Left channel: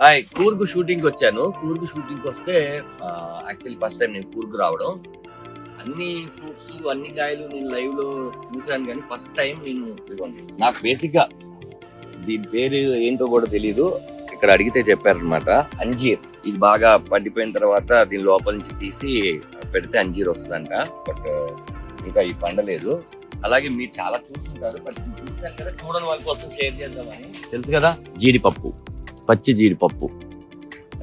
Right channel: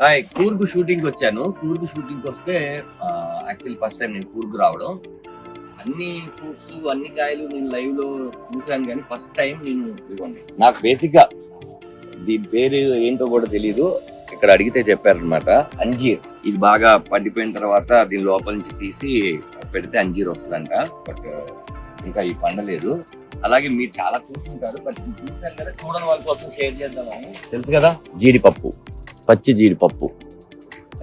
Hi, Coorg shooting వచ్చాను. Coorg shooting వస్తే actually first time నేను కూర్గు రావడం. అన్ని ఫ్రూట్స్ అన్ని కాయలు నేను లైవ్ లో చూసాను, కానీ ఫస్ట్ టైం నేను ఇదిగోండి. నాకు బేసిక్ గా దీని పేరు ఏంటో కూడా తెలీదు. ఇక్కడ అడిగితే చెప్పారనమాట. అంజీర్. ఇది బాగా పండిపోయిన తర్వాత దీని లోపల నుంచి తీసి పెడితే అంజీర్ వస్తుందంట. బట్ ఇంకా ఈ పండలేదు. అలాగే మీరు చాలా చూస్తుంటారు, బట్ చూసాను కదా, చూడని వాళ్ళ కోసం షేర్ చేద్దామని. తెలుసు కదా, జీడిపప్పు, పచ్చి జీడిపప్పు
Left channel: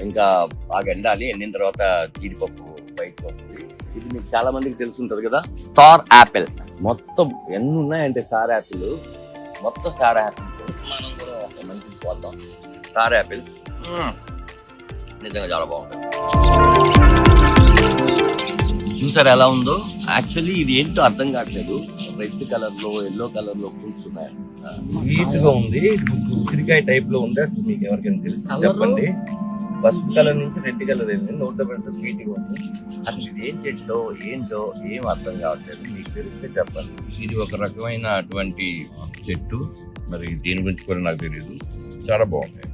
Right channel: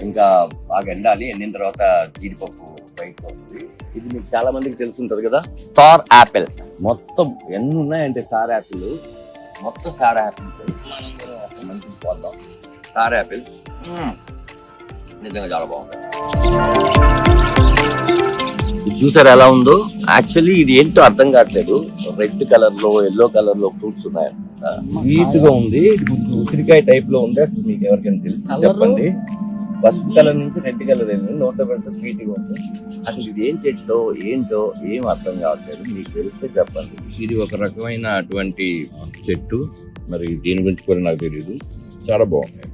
ఇంకా బాగా ఎండాలి. ఎండిన తర్వాత జీడిపప్పు బయటకు వస్తుంది. ఇది మీకు చాలా మందికి తెలుసుంటది కదా, స్టార్ యాపిల్. మొత్తం ఎన్ని ఉన్నాయంటే స్టార్ యాపిల్, మొత్తం స్టార్ యాపిల్. మనం కూడా ఒక మంచి పోద్దాం. స్టార్ యాపిల్ నిజంగా చాలా బాగుంది. చూసారు ఎలా ఉందో? యాక్చువల్లీ ఇది ఏంటో అర్థం కావట్లేదు. రెడ్ కలర్ లో, ఎల్లో కలర్ లో ఫ్రూట్స్ ఉన్నాయి. స్వీట్ గా ఉంది, ఉసిరికాయ టైప్ లో ఉంది. అసలు మీకు ఎవరికైనా తెలుసు చెప్పండి. పసుపు కలర్ నుంచి రెడ్ కలర్ అయింది, నోట్లో పెడితే స్వీట్ గా ఉంది. అసలు ఇది ఏం చెట్టో ఏంటో ఏం అర్థం కావట్లేదు. మీకు తెలిస్తే చెప్పండి. ఇది ఒక రకమైన అటువంటి చెట్టు, మరి దీని గురించి కూడా నాకు తెలియదు. చాలా బాగుంది.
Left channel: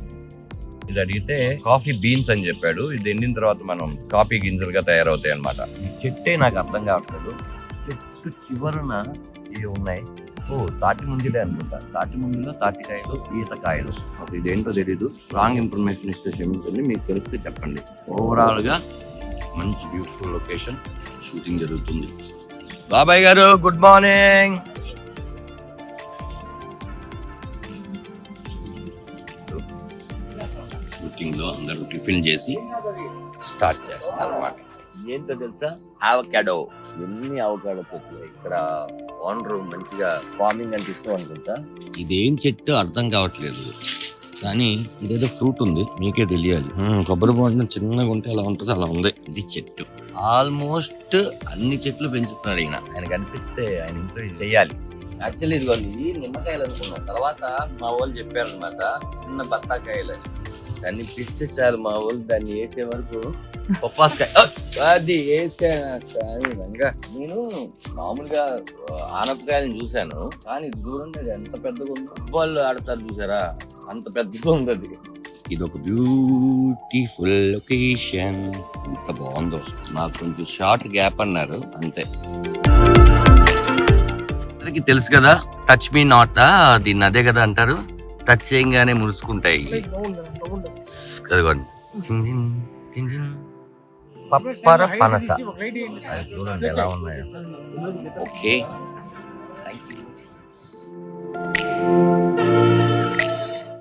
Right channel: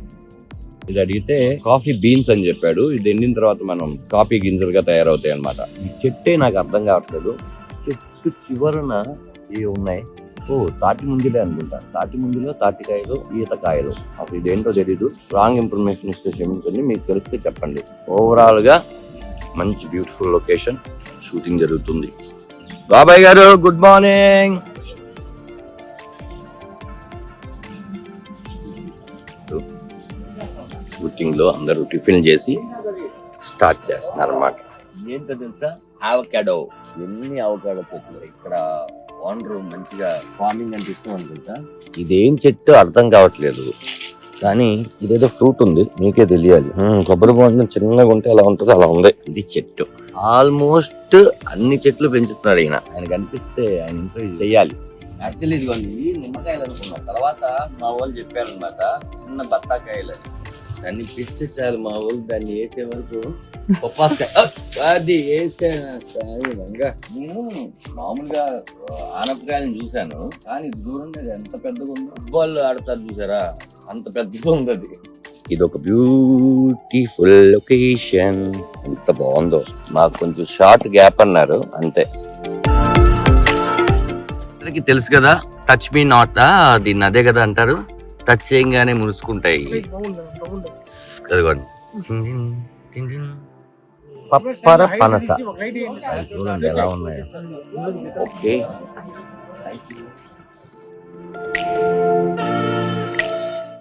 ఇది అడిగితే కాఫీ బీన్స్ అని చెప్పాడు. ఇది ఎండిన తర్వాత మనం కాఫీ గింజలుగా తయారవుతాయి అన్నమాట. ఈ చెట్టే నాకు అర్థం కావట్లేదు. చెట్టు చివరన ఏ ఉన్నాయి? ఓ, తాటి ముంజలే అనుకుంటా. తాటి ముంజలో తాటికాయలు, ఈతకాయలు. అసలు ఇదేంటో తెలీదు. రాంగ్ ఇన్ఫర్మేషన్ ఇస్తే క్షమించండి, మీకు తెలిస్తే చెప్పండి. ఓవరాల్ గా మంచి బ్యూటిఫుల్ లొకేషన్, షూటింగ్ జరుగుతుంది. బాబాయ్ గారు, గుడ్ మార్నింగ్. షూటింగ్ లో అందరూ టిఫిన్ చేసి స్టార్ట్ చేస్తున్నారు అన్నమాట. ఏంటో తెలుసా, అవకాడో. ఎన్ని అవకాడో చెట్లు ఇక్కడ. ఓనర్ మంచిగా ఫార్మింగ్ అంటే ఇష్టం అనుకుంటా. ఇదేం చెట్టు అర్థం కావట్లేదు, కానీ ఇదేదో ఫ్రూట్ ఉంది, మీకే తెలియాలి. కొబ్బరి బొండం చిన్నగా ఉంటే అలా ఉంటుంది, అలా ఉంది. ఇది చెట్టు. ఆల్మోస్ట్ అన్ని చెట్లు పెంచుతున్నాడు ఈయన. ఆయనకు అనిపిస్తే ఆయన ఇంట్లో చేయాలి. యాక్చువల్లీ ఇది నిమ్మకాయలు అనుకున్నా, తర్వాత మా వాళ్ళు చెప్పారనమాట చిన్న బత్తాకాయలు. దాన్ని పిస్తే చాలు మా వాళ్ళు దాన్ని వేసే వరకు పప్పాకాయ అది వేసానుగా. నేను మామూలుగా ఆనపకాయలను చూశాను, కానీ దూరంగా ఎంత పెద్దగా ఉందో. ఫుట్బాల్ ఆడతారు చూసారా, అంత పెద్దగా ఉంది అది. ఇది ఒక బ్యూటిఫుల్ లొకేషన్. ఎంత బాగుందో. మాకు కొంచెం షార్ట్ గ్యాప్ అన్నారు అంతే. తెలుసు కదా, టచ్ మీ నాట్, దీన్ని అదే కదా అంటారు. టచ్ చేయగానే మురుసుకుంటాయి. Okay, thank you.